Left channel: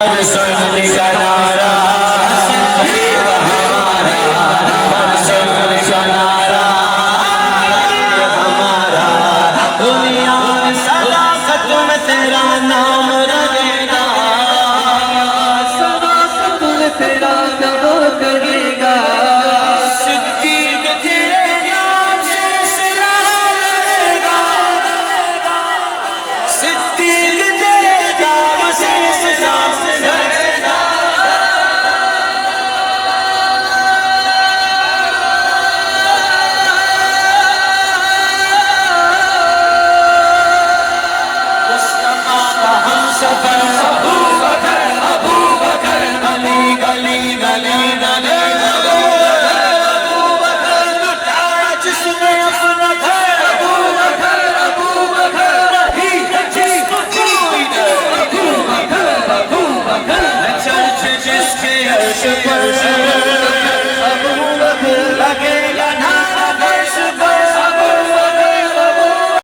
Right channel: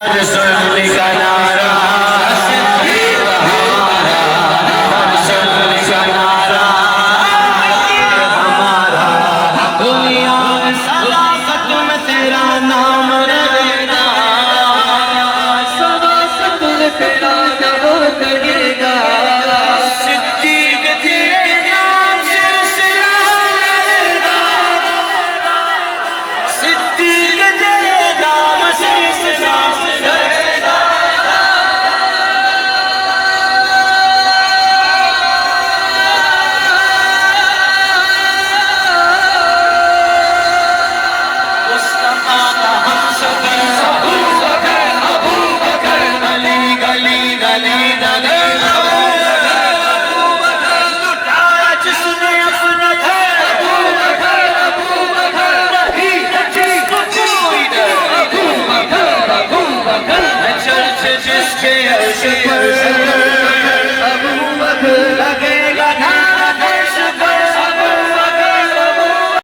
रसूल का नारा हमारा, रसूल का नारा हमारा, दुनिया सदाकत में तेरा नाम रहेगा, सदाकत में तेरा नाम रहेगा। सिद्दीक तेरे नाम से रहेगा, सिद्दीक तेरे नाम से रहेगा। मुस्तफा का हमसफर अबू बकर, गली गली गली नगर, अबू बकर लुटाया जिसने अपना घर, अबू बकर नहीं जिसको कोई डर, अबू बकर चर्च जिसके अर्श पर